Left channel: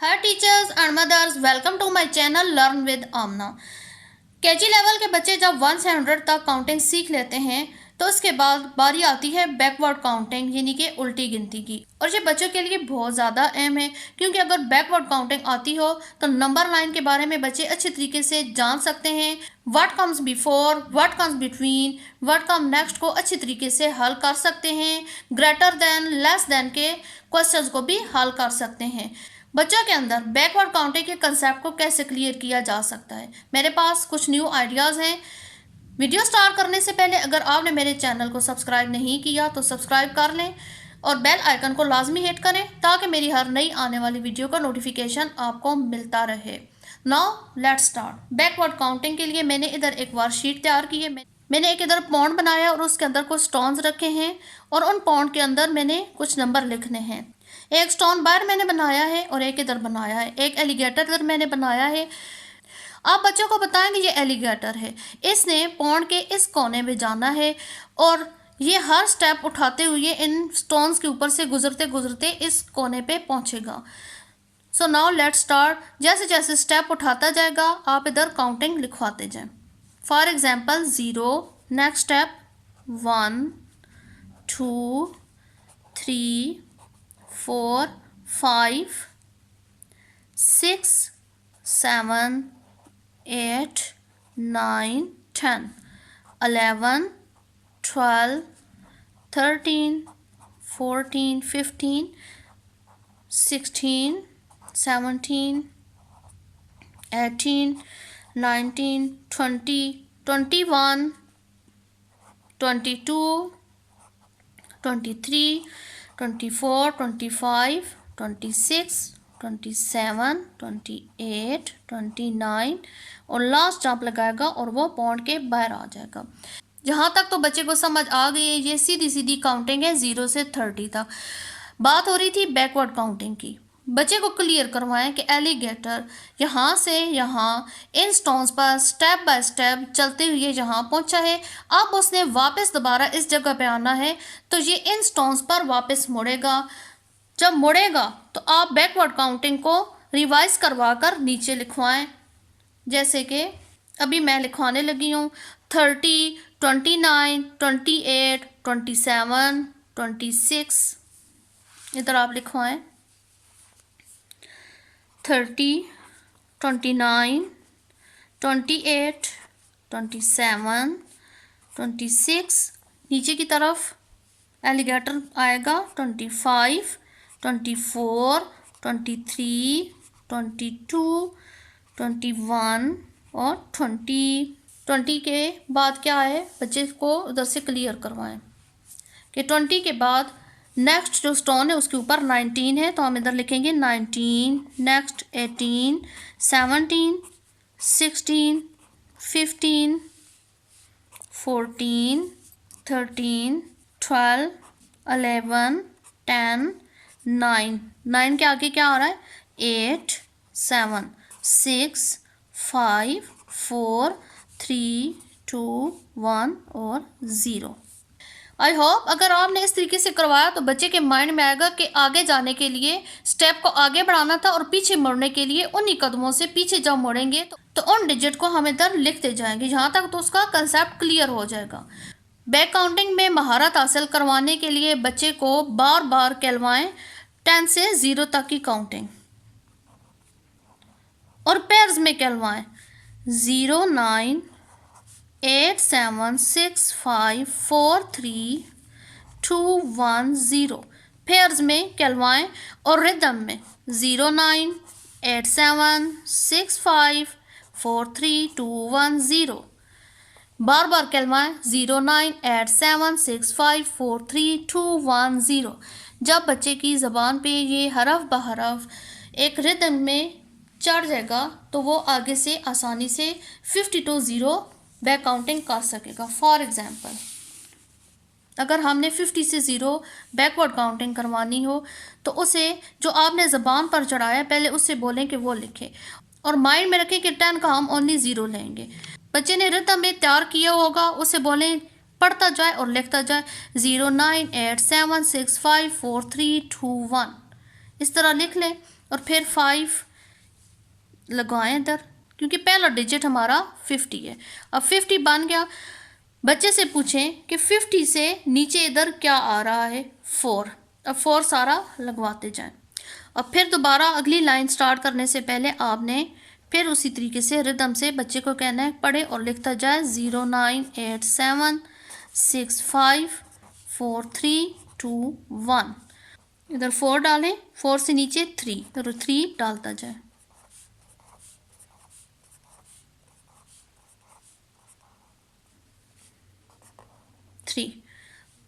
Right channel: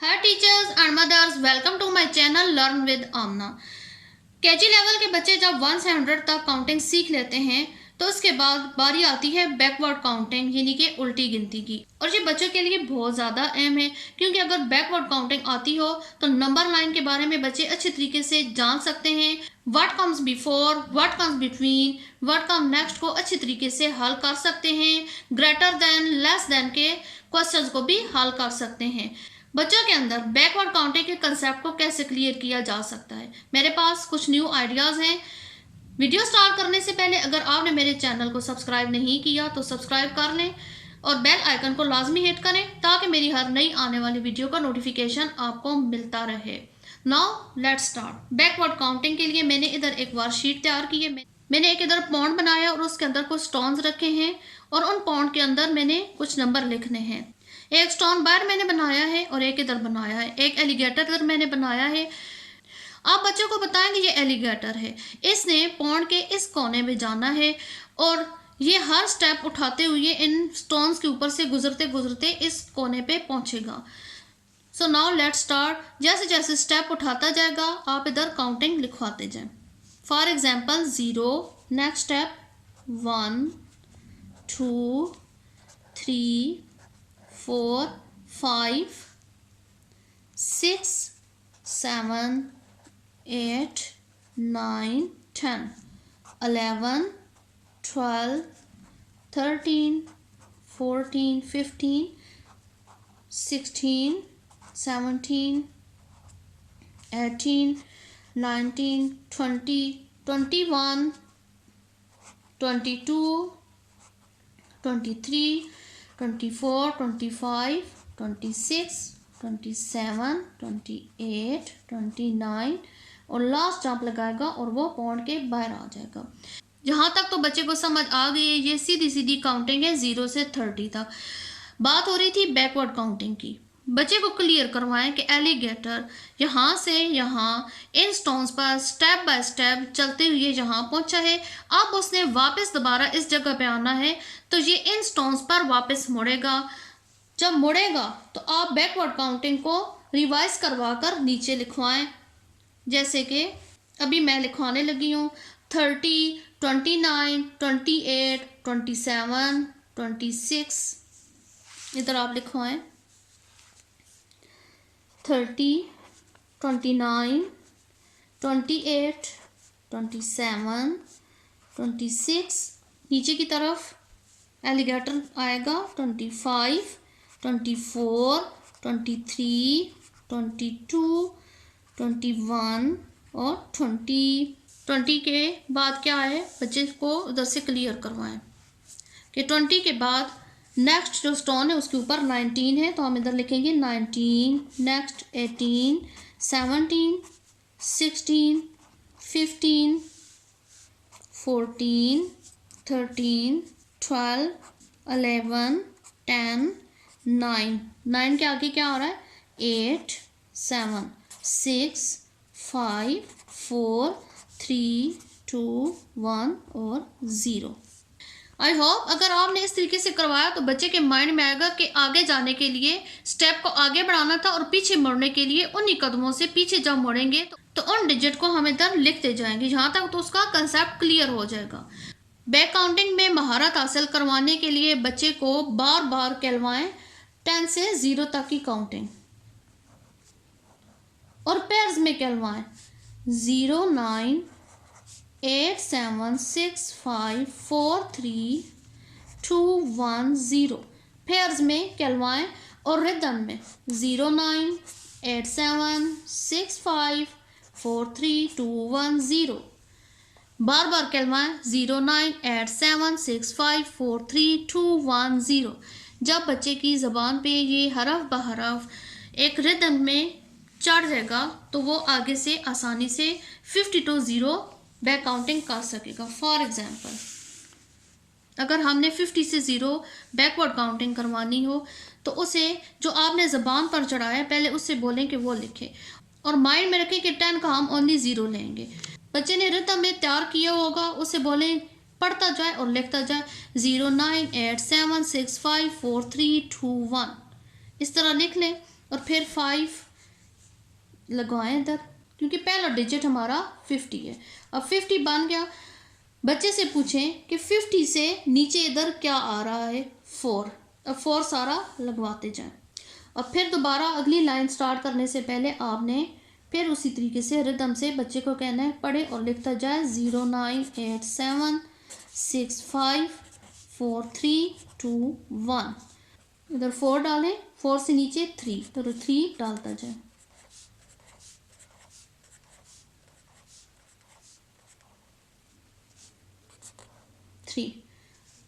Hi teachers and mothers, welcome to my channel learn with Aamna. KG level के बच्चे जब 1 से 100 तक काउंटिंग सीख लेते हैं तो उसके बाद बारी आती है बैकवर्ड काउंटिंग यानी कि उल्टी गिनती की। और ये बच्चों के लिए बहुत ज़्यादा अहम है, क्योंकि अगर बैकवर्ड काउंटिंग आती हो तो नंबर लाइन के बारे में बच्चे अच्छे तरीके से जान सकते हैं। What comes before, what comes between, what come next को अच्छे तरीके से हल कर सकते हैं। ग्रेटर देन, लेस देन के क्वेश्चंस को भी हल कर सकते हैं। बच्चों के अंदर बैकवर्ड काउंटिंग के कंसेप्ट को कैसे क्लियर किया जा सकता है, मेरे पास कुछ न्यू आइडियाज़ हैं। वीडियो स्टार्ट करने से पहले अगर आपने मेरे चैनल को सब्सक्राइब नहीं किया तो सब्सक्राइब कर लें और बेल आइकन को लाजमी हिट करें ताकि मेरी हर नई आने वाली वीडियो का नोटिफिकेशन आपको मिलता रहे। Now let's start. Backward counting के लिए मैंने इधर एक वर्कशीट तैयार की है। मैंने एक इधर पॉन्ड बनाया और उसके अंदर कुछ स्टोन्स रखे हैं और उन पॉन्ड के अंदर मैंने कुछ नंबर लिखने हैं। एक स्टोन बार मैंने बनाया है और एक इधर बनाया है। एक एलिगेटर इधर मैंने बनाया है। आप बच्चों को बताएंगे ये एलिगेटर है, इसने पॉन्ड के इस कोने में जाना है और ये हर स्टेप उठाते हुए इन स्टोन्स के ऊपर से गुजरते गुजरते इस कोने पे पहुंचेगा। So now let's start. जैसे जैसे स्टेप उठाता जाएगा आप इधर काउंटिंग लिखवाते जाएं। फॉर एग्जाम्पल 0, नेक्स्ट स्टेप 1, 2, 3, 4, 5, 6, 7, 8, 9, 10, 11, 12, 13, 14, 15, 16, 17, 18, 19, 20, 21, 22, 23, 24, 25, 26, 27, 28, 29 और लास्ट जंप लगाएगा और वो पॉइंट के बाहर आ जाएगा। यहाँ तक तो बच्चे को समझ आ गई है। ये सीधी सीधी काउंटिंग है 0 से 30 तक। बात हो रही थी बैकवर्ड काउंटिंग की। बच्चे को क्लियर करवाएं कि एलिगेटर यहाँ से यहाँ इन स्टोन्स पर स्टेप बाय स्टेप चलते हुए यहाँ पहुँचा है। अब उसने वापस दोबारा इस जगह पे आना है तो ये इन स्टोन्स पर वापस मुड़ेगा। जब मुड़ेगा तो आप बैकवर्ड काउंटिंग को रिवाइज करवा कर नीचे लिखवाएं। जैसे कि अभी मैं लिखवाने लगी हूँ 30, 29, 28, 27, 26। इधर आप लिखवाएं 30, 29, 28, 27, 26। नीचे की तरफ एलिगेटर आएगा 25, 24, 23, 22, 21 और 20 के बाद क्या है बच्चे को उधर से क्लियर करवाएं कि 20 के बाद नेक्स्ट जो स्टोन है उसके ऊपर 19 है तो हम इधर लिखेंगे 19, नेक्स्ट 18, 17, 16, 15, 14, 13, 12, 11, 10, 9 के आगे क्या आ रहा है 8, 7, 6, 5, 4, 3, 2, 1 और 0। आई होप अगर आपने इस तरीके से करवाया तो बच्चे के माइंड में आएगा कि आगे जाने के लिए स्टेप को आगे बढ़ाना था और पीछे मुड़ने के लिए उन्हीं कदमों से पीछे जब मुड़ेंगे तो उन डिजिट को हम इधर लिखते जाएंगे। यहाँ तक तो उसका कंसेप्ट क्लियर हो जाएगा। बैक काउंटिंग में महारत हासिल करवाने के लिए बच्चे को बार बार कहलवाएं 10 से 0 तक की काउंटिंग और पेयर्स में कहलवाएं 0, 9, 8, 7, 6, 5, 4, 3, 2, 1, 0। पेयर्स में कहलवाएं और रिदम में 0, 9, 8, 7, 6, 5, 4, 3, 2, 1, 0। बार बार कहलवाएं 0, 9, 8, 7, 6, 5, 4, 3, 2, 1, 0। जब बच्चे की ज़बान पे ये हरफ बहरफ एक रिदम में चढ़ जाएगा तो वो आगे से आसानी से 52 0 बैक काउंटिंग कर सकेगा। फॉर एग्जांपल अगर हमने 50 से 0 बैकवर्ड काउंटिंग करवानी हो तो उसे जो आपने ज़बान पर चढ़ाया पहले उससे बोलें कि वो लिखे और माइंड में रखें कि 10 का हम ओनली 0 लेंगे। बच्चे ने रिदम में तैयार किया होगा, उसे बोलें पढ़ता जाए और लिखता जाए 0987654321 इस तरह लिख लें और फिर 5 लगाएं इधर, क्योंकि पहला डिजिट हमारा 50 है। अब 50 बन गया। बच्चे से पूछें कि 50 से नीचे इधर क्या आ रहा है, 4। अब 4 सारा लगवाते जाएं और फिर दोबारा अगली लाइन स्टार्ट करने से पहले आपने फिर उसी तरीके से रिदम से बच्चे को कहना है पढ़े और लिखता जाए 0987654321। इधर 4 डालें, 4 से नीचे 3 तो 3 डालता जाए।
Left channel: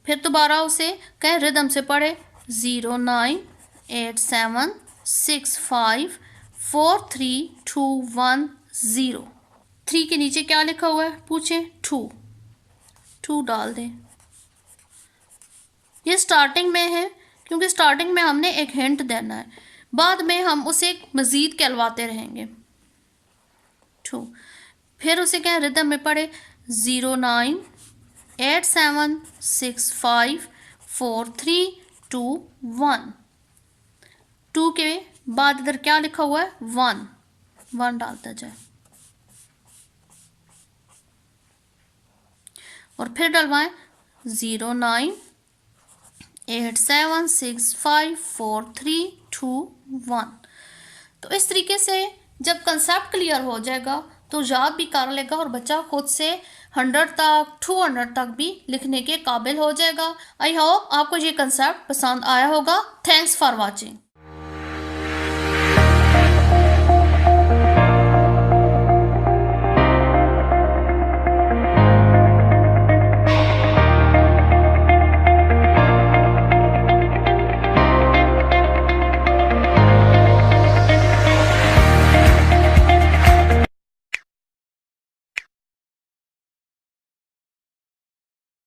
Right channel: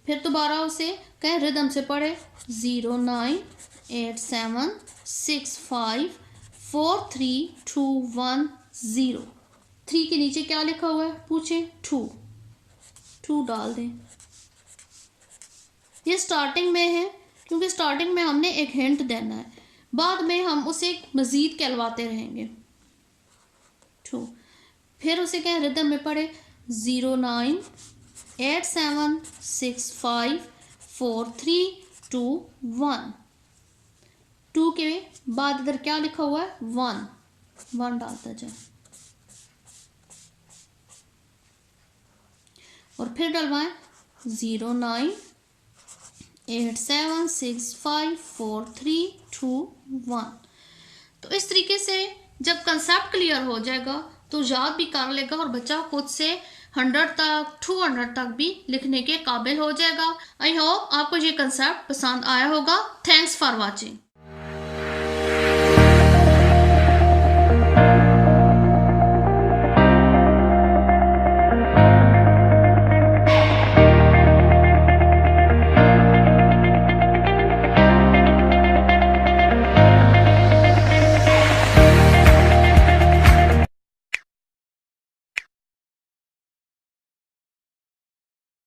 फिर दोबारा उसे कहें रिदम से पढ़े 0987654321। 3 के नीचे क्या लिखा हुआ है पूछे 2 डाल दें। ये स्टार्टिंग में है, क्योंकि स्टार्टिंग में हमने एक हिंट देना है, बाद में हम उसे मज़ीद कहलवाते रहेंगे 2। फिर उसे कहें रिदम में पढ़े 0987654321। 2 के बाद इधर क्या लिखा हुआ है 1 डालता जाए और फिर डलवाएं 0987654321। तो इस तरीके से जब कंसेप्ट क्लियर हो जाएगा तो याद भी कर लेगा और बच्चा खुद से 100 तक 200 तक भी लिखने के काबिल हो जाएगा। आई होप आपको ये कंसेप्ट पसंद आया होगा। Thanks for watching.